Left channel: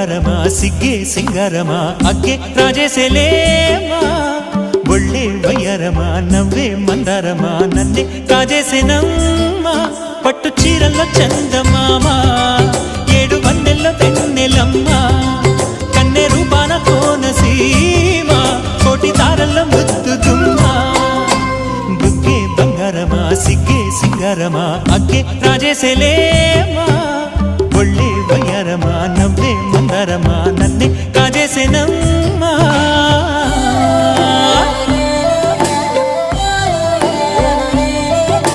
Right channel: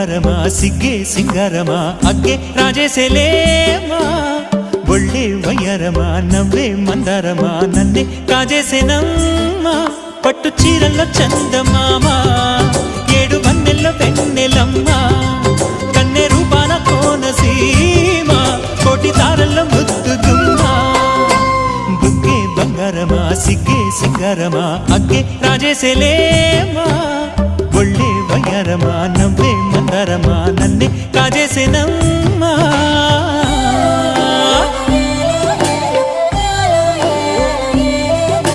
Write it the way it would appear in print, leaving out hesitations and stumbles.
బంగారమా సిగ్గే సింగారమా అగ్గే రాజేసేలేమా ఒళ్ళే వయ్యారమా నవ్వే మందారమా నన్నే కాజేసేనమ్మా పట్టు చీరల్లో చందమామా ఏడు వన్నెల్లో వెన్నెలమ్మా కన్నె రూపాన కోనసీమ కోటి తారల్లో ముద్దుదుమ్మా బుగ్గే బంగారమా సిగ్గే సింగారమా అగ్గే రాజేసేలేమా ఒళ్ళే వయ్యారమా నవ్వే మందారమా నన్నే కాజేసేనమ్మా